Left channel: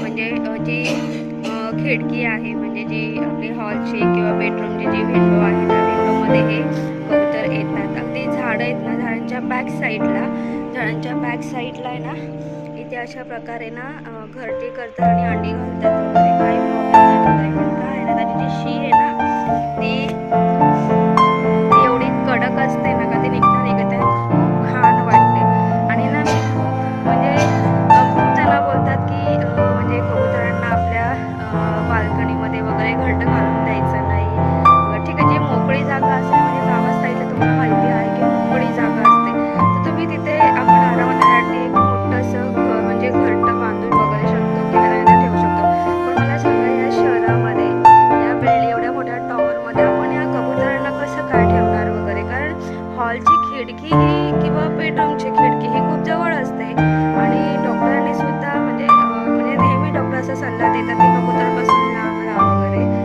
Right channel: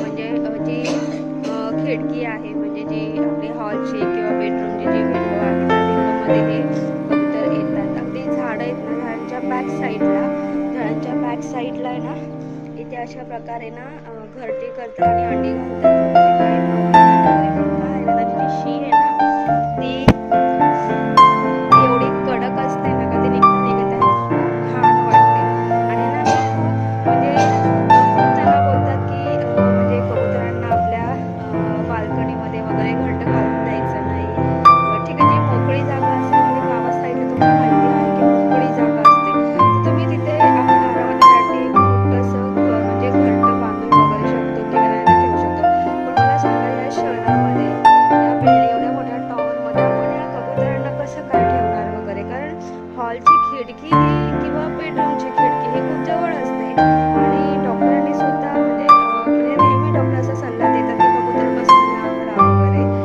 म्हणजे जी खिडकी आहे म्हणजे जी आपली हॉलची किंवा बेडरूमची जी विंडो आहे त्या विंडोमध्ये हे कबूतर येतात. अगदी झाडं आहेत ना झाडांच्या बॅक साईडला झाडांच्या बॅक साईडला आहे ना इथे अशा प्रकारे ना घरटी करतात आणि अंडी घालतात वगैरे. काही प्रॉब्लेम वगैरे. पण काय ना त्याची जी शी आहे ना ती ती एवढी कडक असते घालून द्यायचं नाही. ठीक आहे जी मोकळी जागा असेल म्हणजे गावात साईडला तुम्हाला माहिती आहे की मोकळी जागा असते. तर तुम्ही तिथे आपण आरामासाठी एक मोठंसं घर म्हणजे घरटं बांधून वगैरे शकतो किंवा त्यांना ठेवू शकतो. पण मला सांगा या शहरामध्ये या बिल्डिंग एवढ्या मोठ्या टॉवरमध्ये आपण या कबुतरांना कसं काय ठेवणार वगैरे? कारण हॉलची खिडकी ही किंवा बेडरूमची खिडकी ही खूप जवळ असते. आणि डॉक्टरांनी सुद्धा म्हणजे म्हणजे नेहमी डॉक्टर असा सल्ला देतात की कबुतरपासून लांब राहा वगैरे.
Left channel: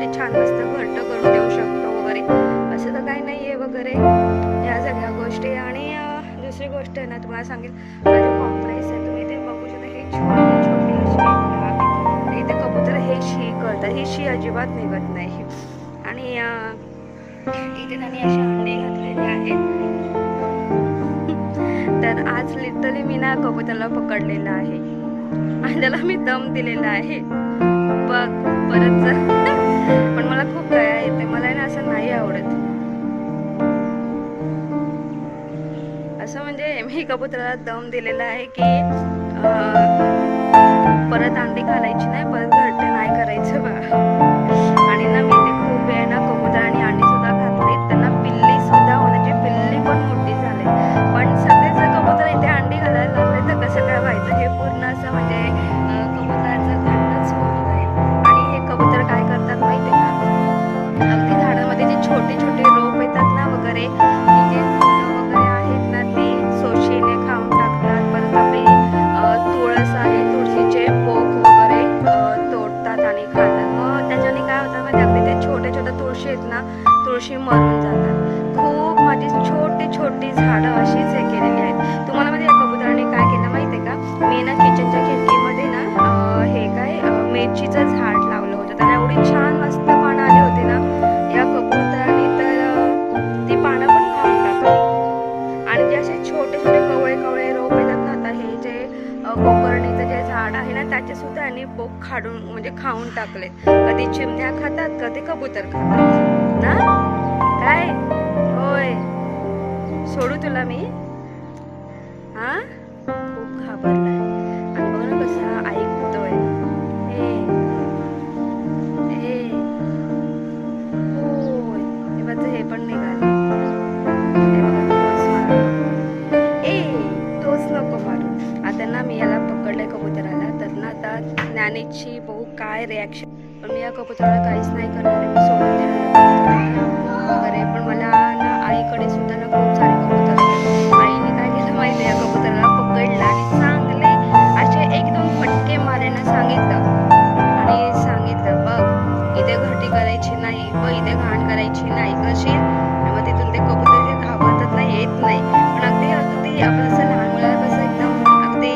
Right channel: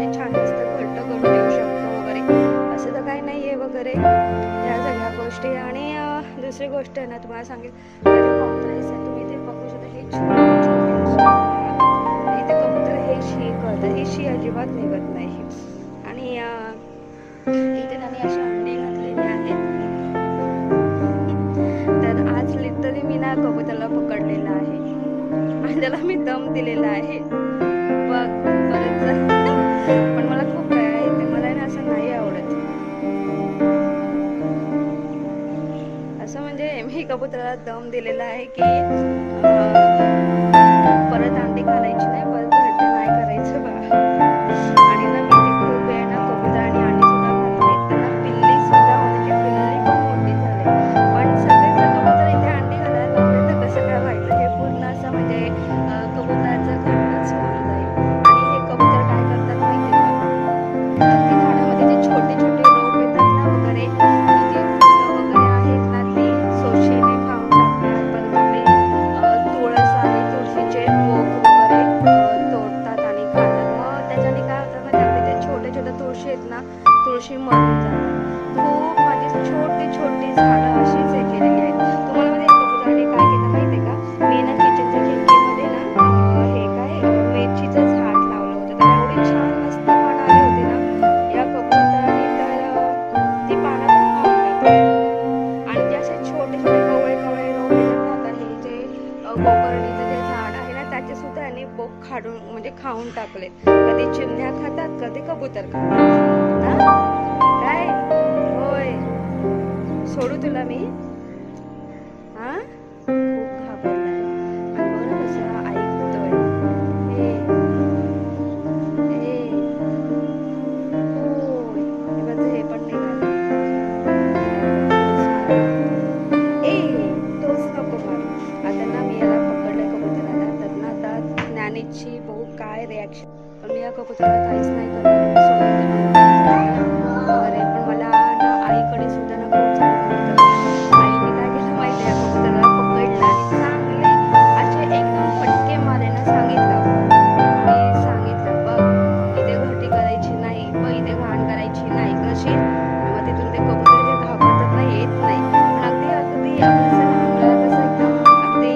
ते छान मस्त घट्ट करून देऊ शकतो वगैरे. असं तर काही नाही आहे वगैरे. या सगळ्या गोष्टी. आणि दुसरी गोष्ट आहे ना तुम्हाला सांगेल माझे कॉम्प्रेस आहे तुम्ही ते बघू शकता हे छोटे छोटे इथे कबूतर हे शी करतात. ही शी अजिबात निघत नाही. आणि इथे त्यांनी अशी अंडी घातलेली आहेत तर आज लिटरली मी ना कबूतरला पकडलेला आहे. आणि त्याला मी दम दिलेला आहे. बघ परत जा. पण मला खूप दया येते. मला ना असं नाही आवडत. असं म्हणजे मी कबुतराला दम दिलेला आहे की परत अंडी घालायची नाही परत घरटे नाही करायचं बा. आणि ना मी ते खूप वेळ ना कबुतर आणि अंडी सुद्धा घातली. त्यांना पिल्ली सुद्धा होण्याची पिल्ली पण मोठी झाली. पण सगळेच जर इथे अंडी घालायला लागले तर कसं काय व्हायचं? हे पूर्ण असं म्हणजे कबुतराचं कबूतर काय करतात माहिती आहे का? अगदी झाडामध्ये जे छोटे छोटे रोप येतात ना वगैरे जे फुलं वगैरे आहेत ना ते सोशीने खाऊन टाकतात. परत आपली तुळस आहे तुळशीचे पोक वगैरे तोडतात आणि खातात. मग त्याच्याने काय होतं माहिती अगदी ते छोटे छोटे तुळशी आहेत ना तुळशी मरून जातात. खूप माझी छोटी छोटी झाडं अशीच हे केलेली आहेत. तुम्हाला माहिती आहे कबुतराने काय केलं माहिती आहे का? मी ना किचनच्या खिडकीमध्ये ना हे काय मेथीचं मिरचीचं झाड त्याला एवढी छान मस्त पानं आली होती ना. या कबूतराने तर ती पानं पण खाऊन टाकली. आणि जे असे छोटे छोटे कवळे कवळे रोप येतात ना आता हे जे अ, गोकर्णीचं जे झाड आहे ना त्याचे सुद्धा यांनी बोक खाडून म्हणजे खाऊन टाकले कधी चिमण्या खातात कधी कबूतर खातात. ना? काय? होय. सोडू तुला मी? हां? राणीची ज्ञानीची बहू काय रिॲक्शन पण मी या कबुतराला काहीच नाही करणार मी सोडून देणार वगैरे पण मला ना आईकडे सुद्धा ना खूप सारे कबुतर आईने काय केलं माहिती या कबुतराला पकडलं आणि चांगले असे एक दोन फटके मारे ना सांगितलं. आणि सांगितलं बघ इथे घटी करायची नाही बघ इथे घाण करायची नाही कशी आणि मग तिथून ते कबूतर जे घाबरतात ना येत नाही. पण अगदी अगदी आपलं असं लहान मुलाला कसं एकदम अगदी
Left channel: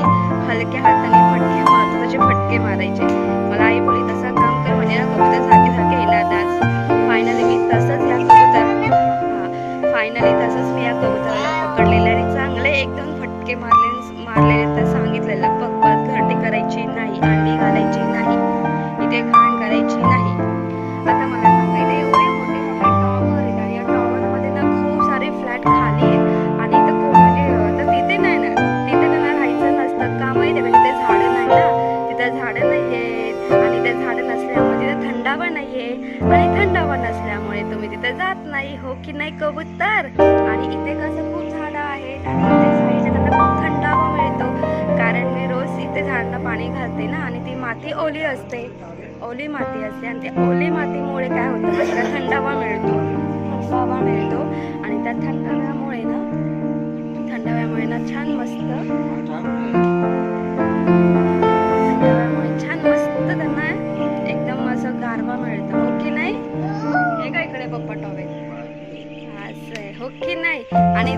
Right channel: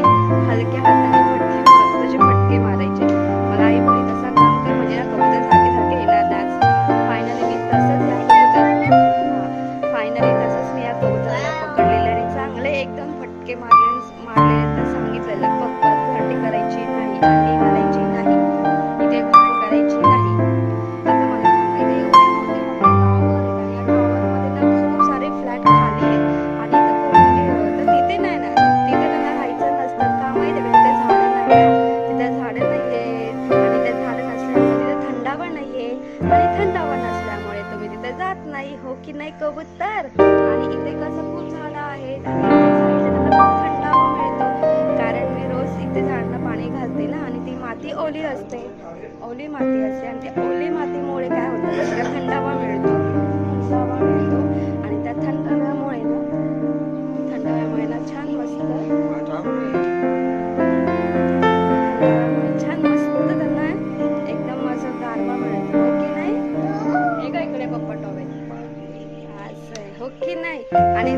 हलक्या हाताने फटके असे फटके मारायचे. मला आई बोली तसा काम कर म्हणजे ना कबूतर सारखे सारखे येणार नाच फायनली मी तसंच या कबूतर फायनली तसंच मी या कबूतराला पकडलेलं आणि चांगले एकदम फटके मारले मारलेले तर सांगितलेलं पग घरटी करायची नाही अंडी घालायची नाही इथे घाण करायची नाही. आता मला सांगा इथे एवढे मोठे मोठे टॉवर आहेत आणि या टॉवरमध्ये ना खूप सारे फ्लॅट खाली आहेत. आणि इथं कोण म्हणजे तर तिथे नाही ना तिथे त्यांना राहायचं नसतं. का माहिती आहे का तिथे झाडं नाही ना. तिथं झाडं नाही आहेत आणि त्या झाडं नसल्यामुळे तिथं थंडावा नाही आहे आणि थंडावा नसल्यामुळे तुम्ही तिथं जात नाही हो की नाही कबूतर? आणि इथे कसं खूप झाडं आहेत आणि त्यांना खूप थंडावा मिळतो. कारण मी रोज इथे झाडांना पाणी घालते ना आणि ती माती ओली असते. ओली माती असते आणि त्या ओली मातीमुळे काय होतं माहिती का? थंडावा मिळतो. थंडावा मिळतो. आणि त्या थंडाव्यामुळे ना थंडाव्यामुळे ना छान मस्त त्यामुळे छान मस्त त्यांना एकदम असं गारवा मिळतं. हो की नाही? हे का इकडे पप्पा टॉवेल? असं आहे. हो की नाही? आणि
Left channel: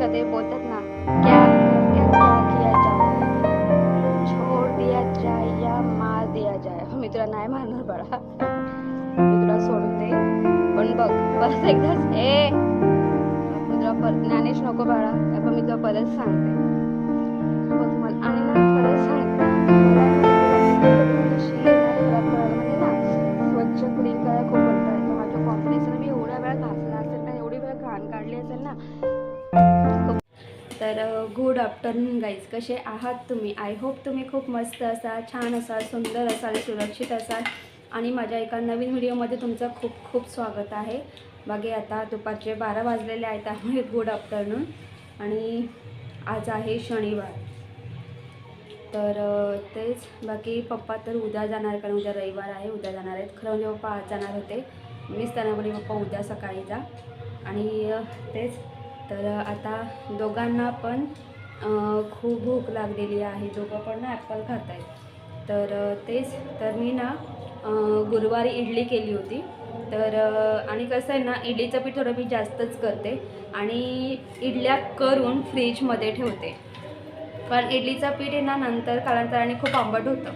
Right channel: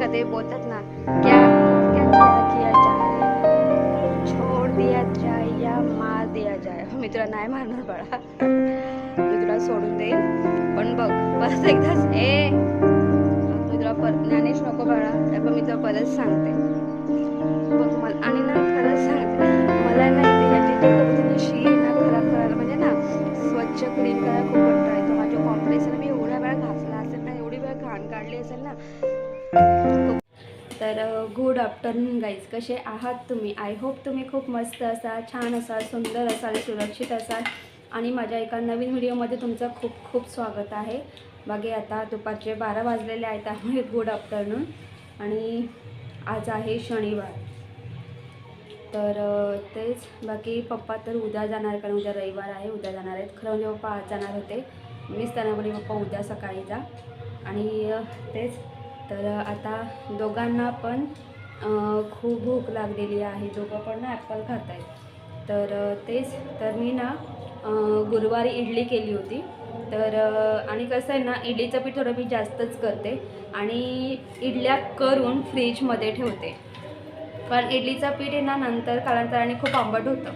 कधी बोलतात ना क्या क्या क्या किया जाए? छोड़ दिया जाए या मार दिया जाए? हो, मी तुला नाही मारणार बाळा. मी तुला सोडून देईल पण बघ परत एकदा ए मी तुला पर ज्ञानेश नको बाळा. पण मी तुला परत सांगते. बघ मला आणि ना खरंच सांगते. मला ना शी ना खराब करायला. म्हणजे ना स्वच्छ क्लीन करायला खूप कंटाळा येतो माझ्या कॉम्पिटिशन मी एवढ्या वेळा घासला असेल ना एवढी वेळा घाण काढली असेल ना तर गुड आफ्टरनून गाईज कसे आहात तुम्ही? आय होप तुम्ही खूप मस्त असाल छान असाल सुंदर असाल सुरक्षित असाल. आणि माझ्या एका नवीन व्हिडिओमध्ये तुमचं खूप खूप स्वागत आहे. बाकी आता दुपारचे बारा वाजलेले आहेत त्यामुळे गुड आफ्टरनून आणि आज आहे शनिवार. तर तेच बाकी पप्पा तर उद्या जाणार कारण उद्या रविवार आहे. उद्या जाणार आहेत. खरं म्हणजे पप्पा आज जाणार होते. मीच त्यांना पप्पा उद्या सकाळी जा. आणि तेच तर आता दोघांना पण खूप भूक लागलेली आहे. दोघं पण ना ॲपल खात आहेत तर तेच तर मी ना गुरुवारी इडली केली होती. तर आणि कसं आहे ना इडलीचं पीठ थोडं मी जास्तच करते आणि इडल्या करून फ्रीजमध्ये ठेवते. पण इडलीचं पीठ आहे ना नंतर कालांतराने खूप आंबट होतं.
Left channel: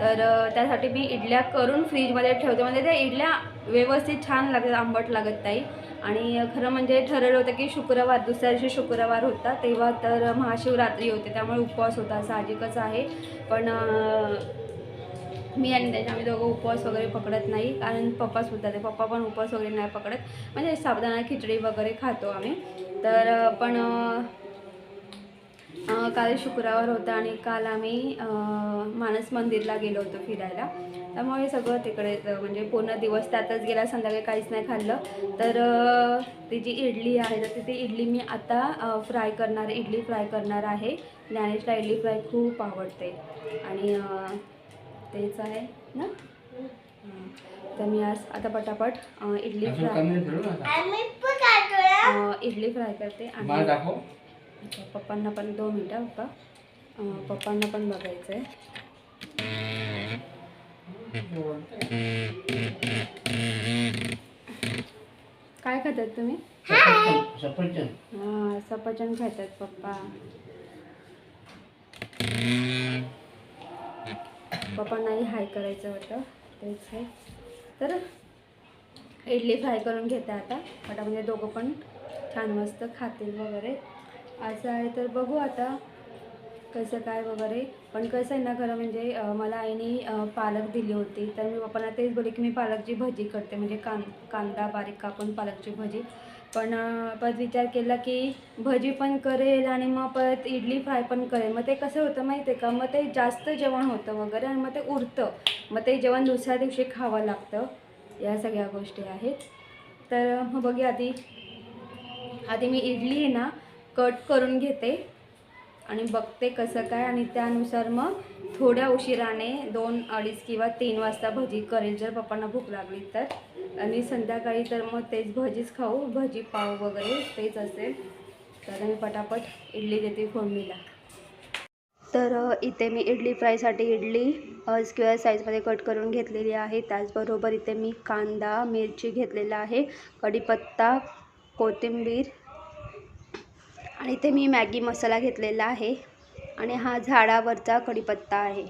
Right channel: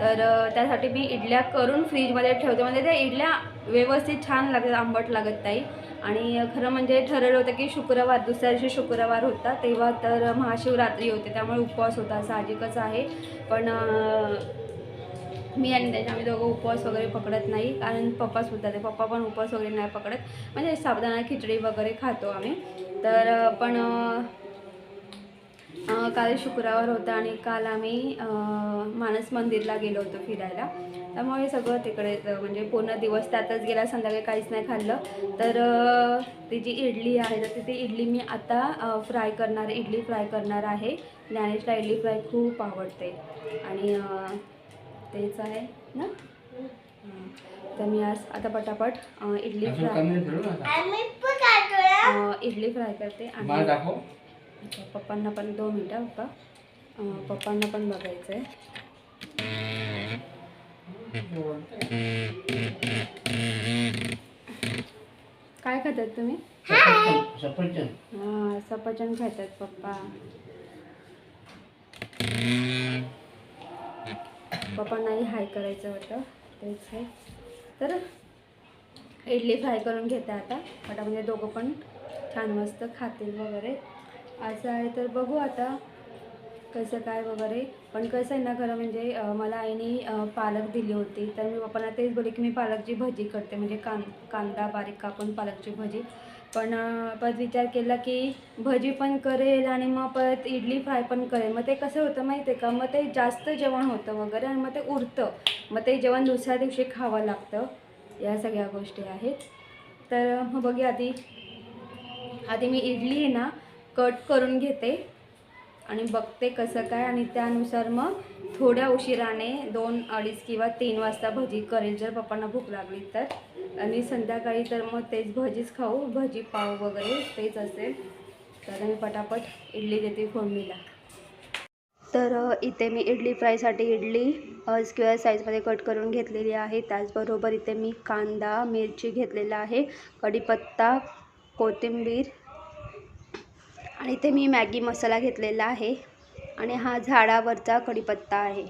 तर त्यासाठी मी इडल्या करून फ्रीजमध्ये ठेवते. म्हणजे त्या इडल्या व्यवस्थित छान लागतात आंबट लागत नाही. आणि खरं म्हणजे ठरवलं होतं की शुक्रवार दुसऱ्या दिवशी शुक्रवार होता. तेव्हा तर महाशिवरात्री होते त्यामुळे उपवास होता. साहजिकच आहे. पण मी आणि त्याच्या आम्ही दोघं उपवास वगैरे पकडत नाही. कारण पप्पाच बोलतात ते पप्पा पण उपवास वगैरे नाही पकडत. म्हणजे साबुदाणा खिचडी वगैरे खातो आम्ही. तर पण काल शुक्रवार होता आणि काल आम्ही मानस मंदिरला गेलो होतो फिरायला. त्यामुळे सगळं तिकडे म्हणजे पूर्ण दिवस त्यातच गेला. संध्याकाळी काहीच नाही खाल्लं. तर ती जी इडली आहे तर ती इडली मी आता फ्राय करणार इडली फ्राय करणार आहे. ज्ञानेशला इडली फ्राय खूप आवडते. आणि तेच आहे ना. तर मी आज आता पटापट इडली फ्राय इडली फ्राय करते. आणि पप्पांना पण दोन मिनटं पप्पा पप्पांना पण बघायचं आहे. काय खातात तुम्ही? सफरचंद. हां सफरचंद खातात पप्पा. पप्पांनाही हाय करायचं होतं तेच आहे. तर इडली फ्राय करून घेते आता. पटामध्ये दोघं पण छान मस्त खातील वगैरे. असं आहे तर बघू आता कसं काय वगैरे. पण कसं आहे ना खरं म्हणजे मला आईने पालक दिली होती. तर मी पप्पांना तेच बोलले की मी पालकची भजी करते. म्हणजे कां कांदा बारीक कापून पालकची भजी. पण परत विचार केला की भजी पण करेल आणि मग परत इडली फ्राय पण करेल. मग ते कसं होतं माहिती आहे का? मग ते जास्त जेवण होतं वगैरे आणि मग ते उरतं. मग ते जेवण दुसऱ्या दिवशी खावं लागतं. या सगळ्या गोष्टी आहेत. तर मग बघूया आधी. आधी मी इडली आहे ना कट करून घेते आणि बघते कसं काय आणि त्यानुसार मग थोड्या उशिराने दोन अडीच किंवा तीन वाजता भजी करेल. जर पप्पांना भूक लागली तर. आणि संध्याकाळी तर मग तेच भजीच खाऊ. भजी पाव वगैरे तेच असेल. तर मी पटापट इडली देते फोडणीला. तर इथे मी इडली फ्रायसाठी इडली स्क्वेअर साईजमध्ये कट करून घेतलेली आहे. त्याचबरोबर इथे मी कांदा मिरची घेतलेला आहे. कढीपत्ता कोथिंबीर आणि इथे मी मॅगी मसाला घेतलेला आहे आणि हा झाडावरचा कढीपत्ता आहे.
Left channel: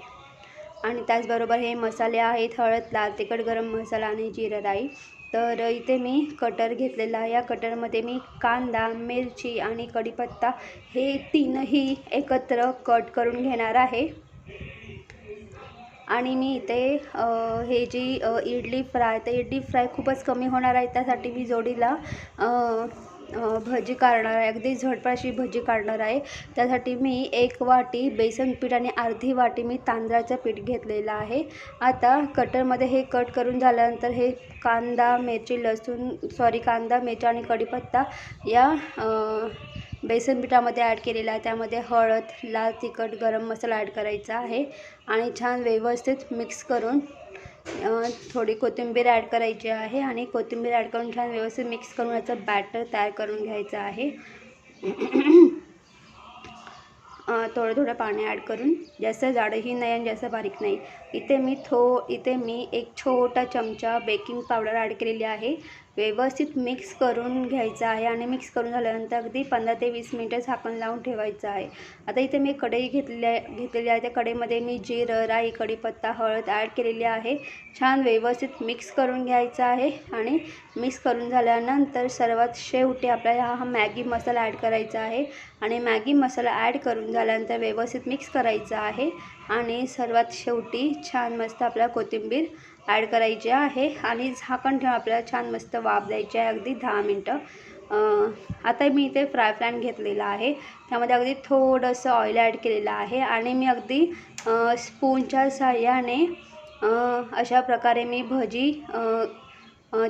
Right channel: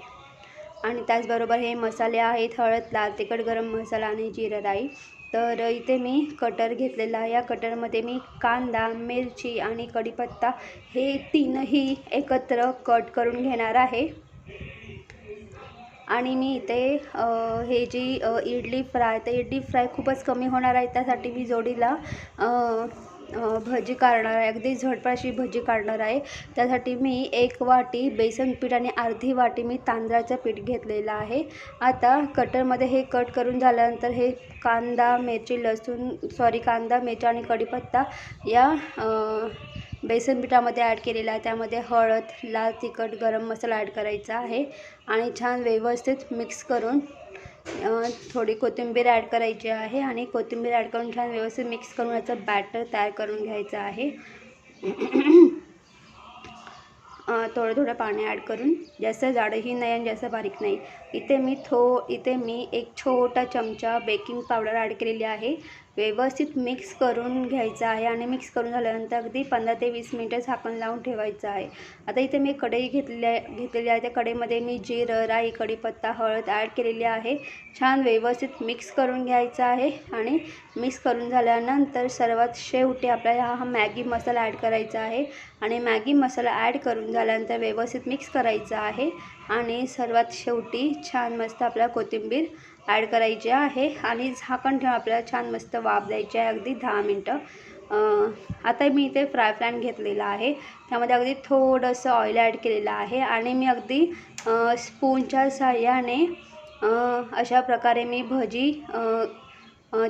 आणि त्याचबरोबर हे मसाले आहेत हळद लाल तिखट गरम मसाला आणि जिरं राई. तर इथे मी कटर घेतलेला आहे. या कटरमध्ये मी कांदा मिरची आणि कढीपत्ता हे तीनही एकत्र कट करून घेणार आहे. आणि मी इथे हे जी इडली फ्राय तर इडली फ्राय खूपच कमी होणार आहे. त्यासाठी मी जोडीला भजी काढणार आहे. अगदी झटपट अशी भजी काढणार आहे. त्यासाठी मी एक वाटी बेसन पीठ आणि अर्धी वाटी मी तांदळाचं पीठ घेतलेलं आहे. आता कटरमध्ये हे कट करून झाल्यानंतर हे कांदा मिरची लसूण सॉरी कांदा मिरची आणि कढीपत्ता या बेसन पिठामध्ये ॲड केलेला आहे. त्यामध्ये हळद लाल तिखट गरम मसाला ॲड करायचा आहे. आणि छान व्यवस्थित मिक्स करून थोडी कोथिंबीर ॲड करायची आहे आणि कोथिंबीर ॲड करून छान व्यवस्थित मिक्स करून याचं बॅटर तयार करून घ्यायचं आहे. थोडं थोडं पाणी ॲड करून जास्त जाडही नाही आणि जास्त बारीक नाही. इथे मी थो इथे मी एक छोटा चमचा बेकिंग पावडर ॲड केलेली आहे. व्यवस्थित मिक्स करून घ्यायचं आहे आणि मिक्स करून झाल्यानंतर अगदी पंधरा ते वीस मिनटं झाकण लावून ठेवायचं आहे. आता इथे मी कढई घेतलेली आहे घेतलेली आहे. त्या कढईमध्ये मी जिरं राई कढीपत्ता हळद ॲड केलेली आहे. छान व्यवस्थित मिक्स करून घ्यायचं आहे आणि मिक्स करून झाल्यानंतर सर्वात शेवटी आपल्याला हा मॅगी मसाला ॲड करायचा आहे आणि मॅगी मसाला ॲड करून झाल्यानंतर व्यवस्थित मिक्स करायचा आहे आणि सर्वात शेवटी छान मस्त आपला कोथिंबीर ॲड करायची आहे आणि झाकण ठेवून आपल्याला छान मस्त वाफ द्यायची आहे अगदी दहा मिनटं. आता मी इथे फ्राय पॅन घेतलेला आहे. त्यामध्ये अगदी थोडंसं ऑइल ॲड केलेलं आहे आणि मी अगदी स्पूनच्या सहाय्याने अशा प्रकारे मी भजी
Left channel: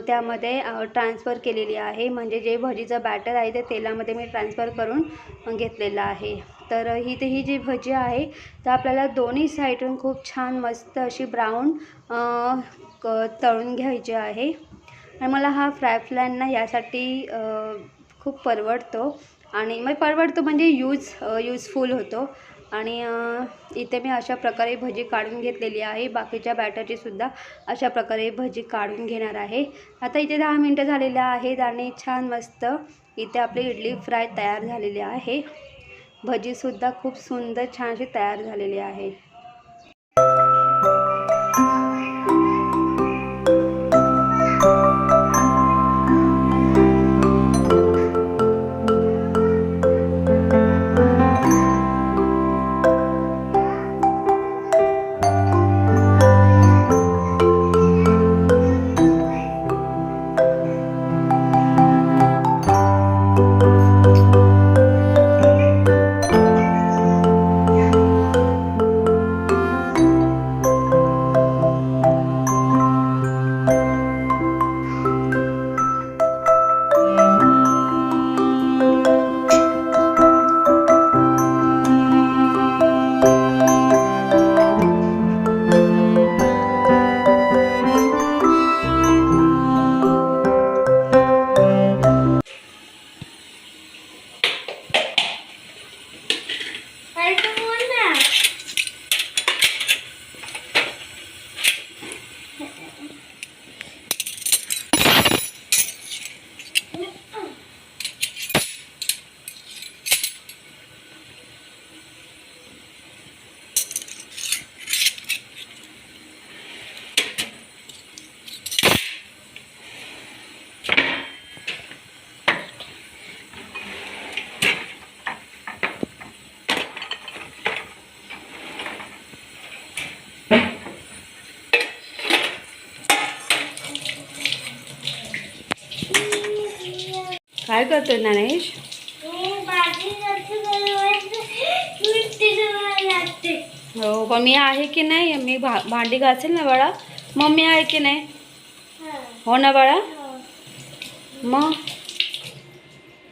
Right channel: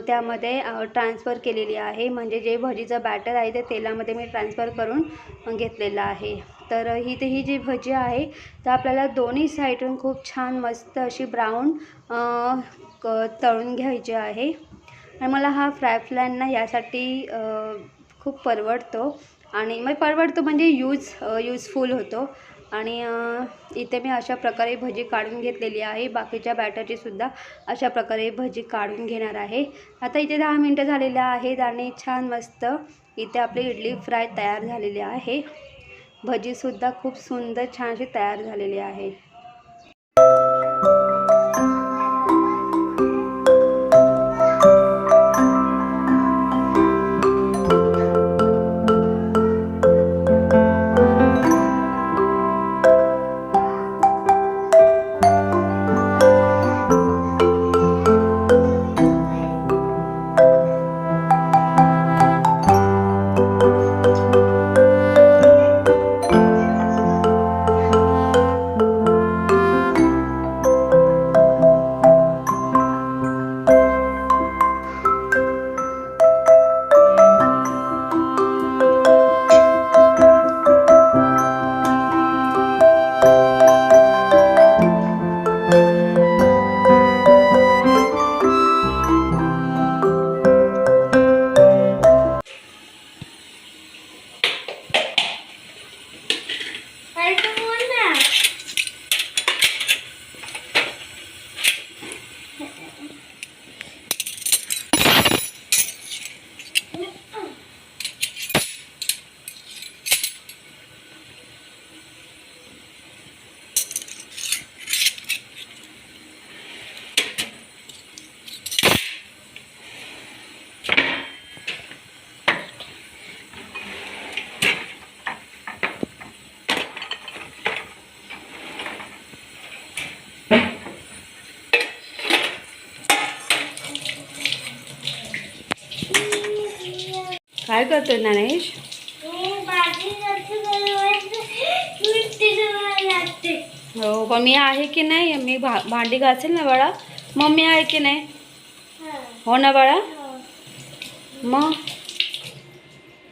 त्यामध्ये ट्रान्सफर केलेली आहे. म्हणजे जे भजीचं बॅटर आहे ते तेलामध्ये मी ट्रान्सफर करून घेतलेलं आहे. तर ही ते ही जी भजी आहे तर आपल्याला दोन्ही साईडून खूप छान मस्त अशी ब्राऊन क तळून घ्यायची आहे. आणि मला हा फ्राय फ्लॅन ना यासाठी खूप परवडतो. आणि मग परवडतो म्हणजे यूज यूजफुल होतो. आणि इथे मी अशा प्रकारे भजी काढून घेतलेली आहे. बाकीच्या बॅटरची सुद्धा अशा प्रकारे भजी काढून घेणार आहे. आता इथे दहा मिनटं झालेल्या आहेत आणि छान मस्त इथे आपली इडली फ्राय तयार झालेली आहे. भजीसुद्धा खूप सुंदर छान अशी तयार झालेली आहे. काय करतोय ज्ञानेश? हो मम्मी मी आहे की नाही? मी भा भांडी घासेल ना बाळा? मम्मी आहे की नाही? हो ना बाळा? मग?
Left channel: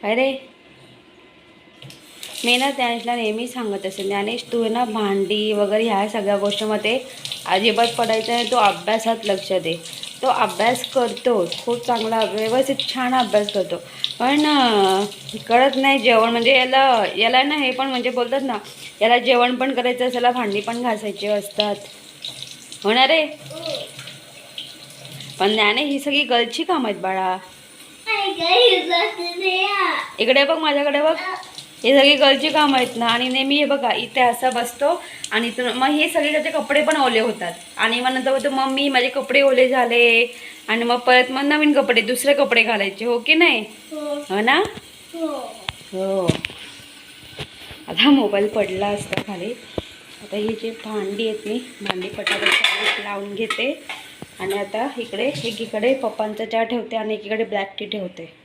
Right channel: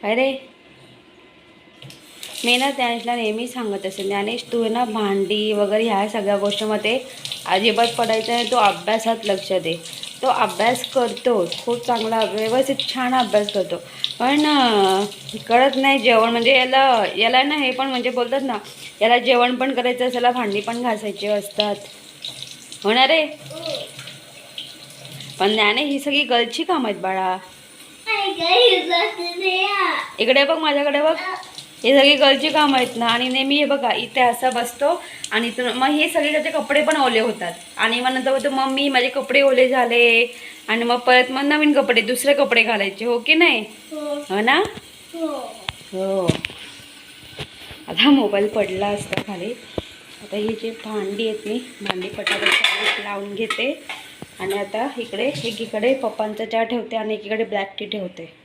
काय रे? मी ना ज्ञानेशला नेहमी सांगत असेल ज्ञानेश तू ना भांडी वगैरे ह्या सगळ्या गोष्टीमध्ये अजिबात पडायचं आहे तो अभ्यासात लक्ष दे. तो अभ्यास करतो. खूप चांगला व्यवस्थित छान अभ्यास करतो. पण कळत नाही जेवण. म्हणजे याला याला ना हे पण म्हणजे बोलतात ना याला जेवण पण करायचं असेल भांडी पण घासायची असतात. होणार रे पण ज्ञाने ही सगळी गलची कामं आहेत बाळा. इकडे बघ माझ्याकडे बघ. हे सगळी गरजी कामं आहेत ना आणि नेहमी हे बघा इथे असा बसतो आणि मग हे सगळे त्याचे कपडे पण ओले होतात. आणि मग नंतर बोलतो मम्मी माझे कपडे ओले झाले. आणि मग परत मग नवीन कपडे दुसरे कपडे घालायचे हो की नाही? हो. ना? हो. आता मोबाईल पडला असता खाली. आता ही जी भांडी आहेत मी भांडी पटापट लावून घेते. आणि आता इकडे एकीकडे पप्पांचा चहा ठेवते आणि एकीकडे ब्लॅक टी ठेवते.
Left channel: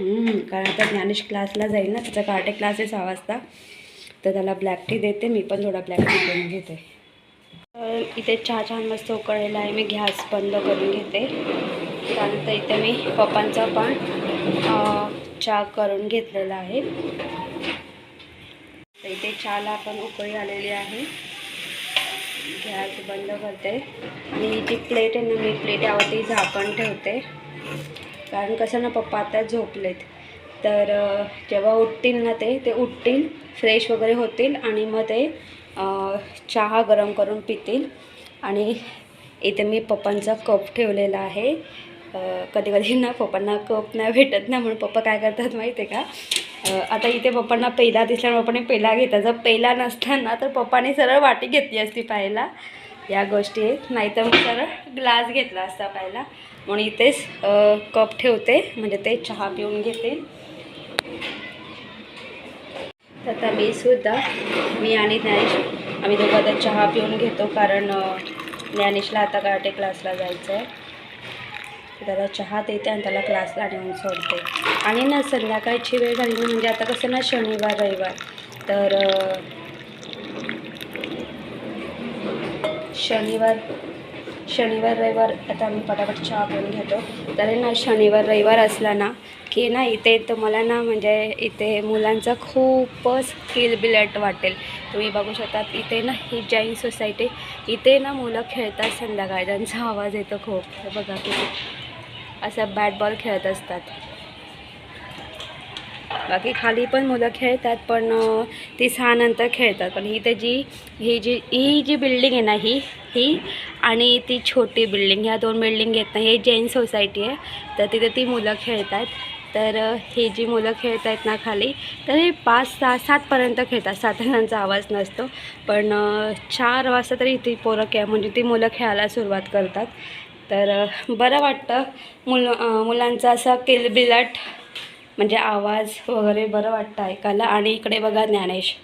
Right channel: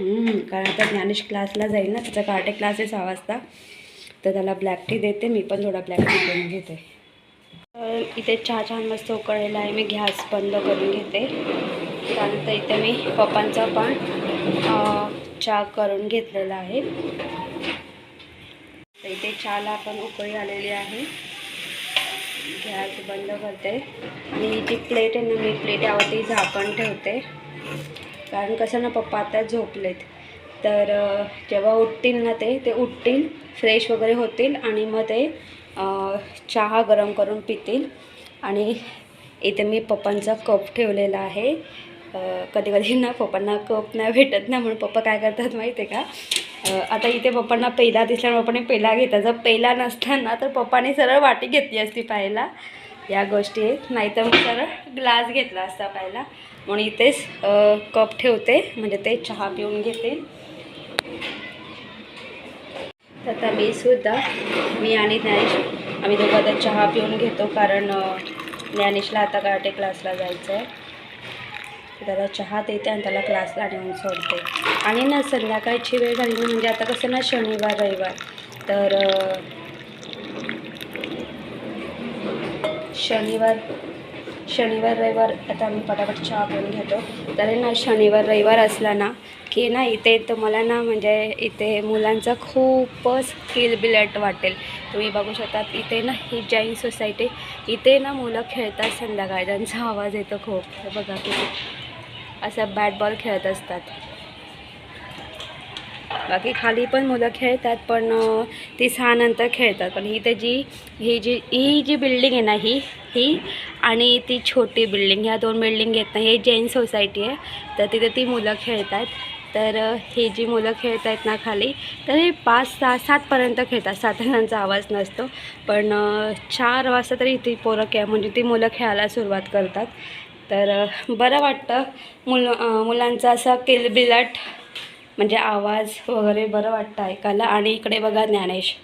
कारण आता ज्ञानेश क्लासला जाईल ना त्याचा कार्टे क्लास आहे सहा वाजता. तर त्याला ब्लॅक टी देते मी पण थोडा ब्लॅक टी करून घेते. तर इथे चहा छान मस्त उकळलेला आहे मी गॅस बंद करून घेते. त्यानंतर इथे मी पप्पांचा पण चहा करून घेतलेला आहे. तर इथे चहाला पण उकळी आलेली आहे. गॅस बंद करते. आणि ही जी प्लेट आहे ना मी प्लेट यावरती झाकण ठेवते. कारण कसं ना पप्पा आता झोपलेत. तर जेव्हा उठतील ना ते ते उठतील फ्रेश वगैरे होतील आणि मग ते चहा गरम करून पितील. आणि इथे मी पप्पांचा कप ठेवलेला आहे. कधी कधी ना पप्पांना कप नाही भेटत ना म्हणून पप्पा काय करतात माहिती आहे का आता इथे पप्पांना पहिला दिसल्यामुळे पप्पाने पहिला घेतला. जर पहिला नसताना तर पप्पाने सरळ वाटी घेतली असती पाहायला. या गोष्टी आहेत. नाहीतर मग सरळ ग्लास घेतला असता पाहिला म्हणून इथेच कप ठेवते. म्हणजे ते चहा पिऊन घेते. तर आता मी सुद्धा मी आणि ज्ञानेश आम्ही दोघं तर चहा पिऊन घेतो. कारण ज्ञानेशला आता कराटे क्लासला जायचं आहे त्याला चहा देते आणि त्याला क्लासला नेऊन सोडते. आणि ना संध्याकाळची वेळ झाली. म्हणजे आता कसं ना शनिवार रविवार. तर शनिवार शनिवार रविवार आता आम्ही पटापट चहा करून घेतो. तर ना शनिवार रविवार असला ना की ना इथे तुम्हाला ना म्हणजे इथे मुलांचा खूपच किलबिलट वाटेल. तुम्ही बघू शकतात इथे ना ही जैन सोसायटी इथे ना मुलं खेळतात संध्याकाळी. त्यांचा आवाज येतो खूप. बघा किती असं बॅट बॉल खेळत असतात. बाकी खाली पण मुलं खेळतात पण ती सहानंतर खेळतात. पण ही जी ही जी ही जी बिल्डिंग आहे ना ही ही आणि ती छोटी बिल्डिंग ह्या दोन बिल्डिंग आहेत ना हे जैन सोसायटी आहे. तर तिथे ती मुलं खेळतात. तर हे ही जी मुलं खेळत आहेत ना खाली तर हे पाच सहा सातपर्यंत खेळतात. सात जणांचा आवाज नसतो. पण चार वाजता तरी ती पोरं खेळ म्हणजे ती मुलं खेळायला सुरुवात करतात. तर बरं वाटतं. मुल मुलांचा असा किलबिलाट म्हणजे आवाज वगैरे बरं वाटतं ऐकायला. आणि इकडे बघा ज्ञानेश.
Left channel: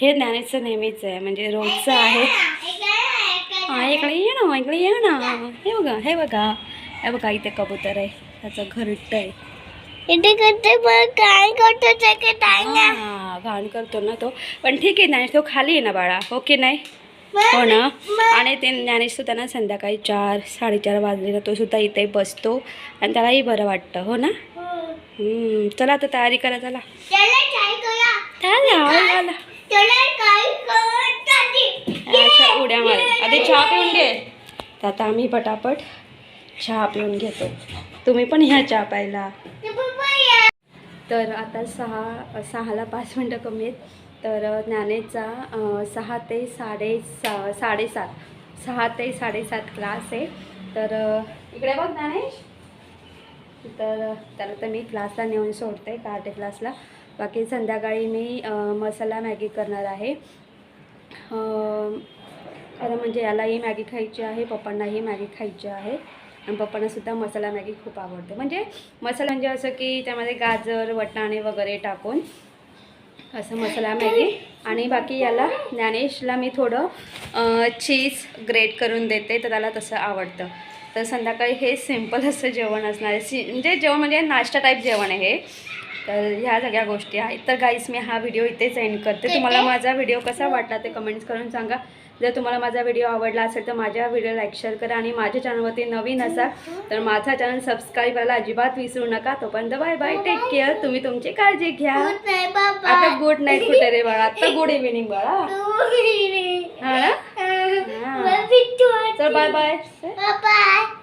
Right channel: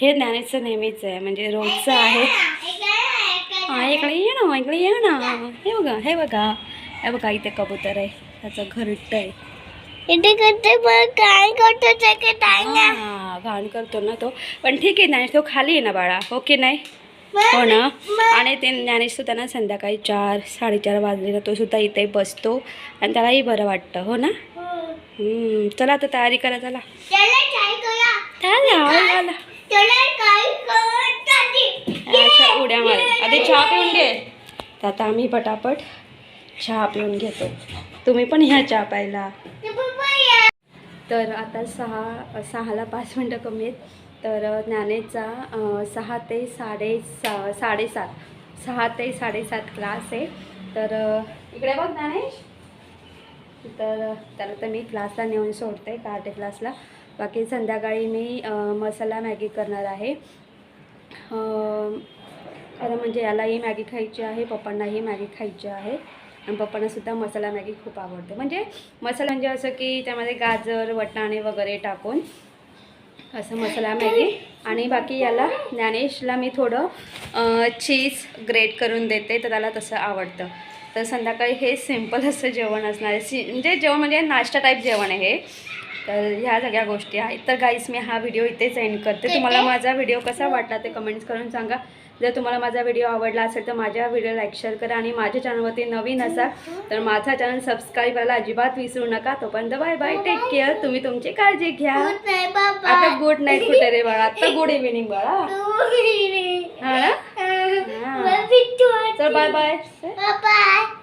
हे ज्ञानेशचं नेहमीच आहे. म्हणजे रोजचं आहे. हा इकडे ये ना इकडे ये ना. हे बघा हे बघा. हे बघा इथे कबूतर आहे. त्याचं घरट आहे. ते हा घाण करतो ना तो. पण ठीक आहे ज्ञानेश तो खाली आहे ना बाळा. हो की नाही? हो ना? आणि ते ज्ञानेश सुद्धा ना संध्याकाळी चार साडेचार वाजले ना तो सुद्धा इथे बसतो. आणि त्यालाही बरं वाटतं. हो ना? चला आता तयारी करा चला. अशा उड्या मार आधी चहा पिऊन घे. तर आता आम्ही पटापट चहा पिऊन घेतो. तुम्ही पण ह्या चहा प्यायला. तर आता सहा सहाला पाच मिनटं कमी आहेत. तर ज्ञानेचा सहा ते साडे सा साडेसात. सहा ते साडेसात क्लास आहे. तर इकडे बघ ज्ञानेश. तर त्याला तर मी क्लासला नेऊन सोडते कार्टे क्लासला बाकी संध्याकाळी मी मसाला मॅगी करणार आहे. खरं म्हणजे यालाही मॅगी खायची आहे पप्पांनाही मॅगी खायची आहे. आणि पप्पांनासुद्धा मसाला मॅगी खूप आवडते. म्हणजे मसाला म्हणजे असं की त्यामध्ये गाजर वटाणे वगैरे टाकून असं मसाला मॅगी. आणि बाकी याला ज्ञानेशला मी थोडं चीज ग्रेट करून देते तर त्याला तसं आवडतं. तर संध्याकाळी हे सिंपल असं जेवण असणार. आहे सी म्हणजे जेवण म्हणजे नाश्ता टाईप जेवण आहे हे. तर ह्या सगळ्या गोष्टी आहेत. तर गाईस मी हा व्हिडिओ इथेच एंड करते. तुम्हाला माझा व्हिडिओ कसा वाटला ते कमेंट्स करून सांगा. जर तुम्हाला माझा व्हिडिओ आवडला असेल तर माझ्या व्हिडिओ लाईक शेअर करा आणि माझ्या चॅनलवरती नवीन असाल तर माझा चॅनल सबस्क्राईब करायला अजिबात विसरू नका. तोपर्यंत बाय बाय टेक केअर तुम्ही तुमची काळजी घ्या. आता गुड नाईट कुठे रे बाळा? आता गुड इव्हिनिंग बाळा. हा ना? वाटते. चल बाय बाय बाय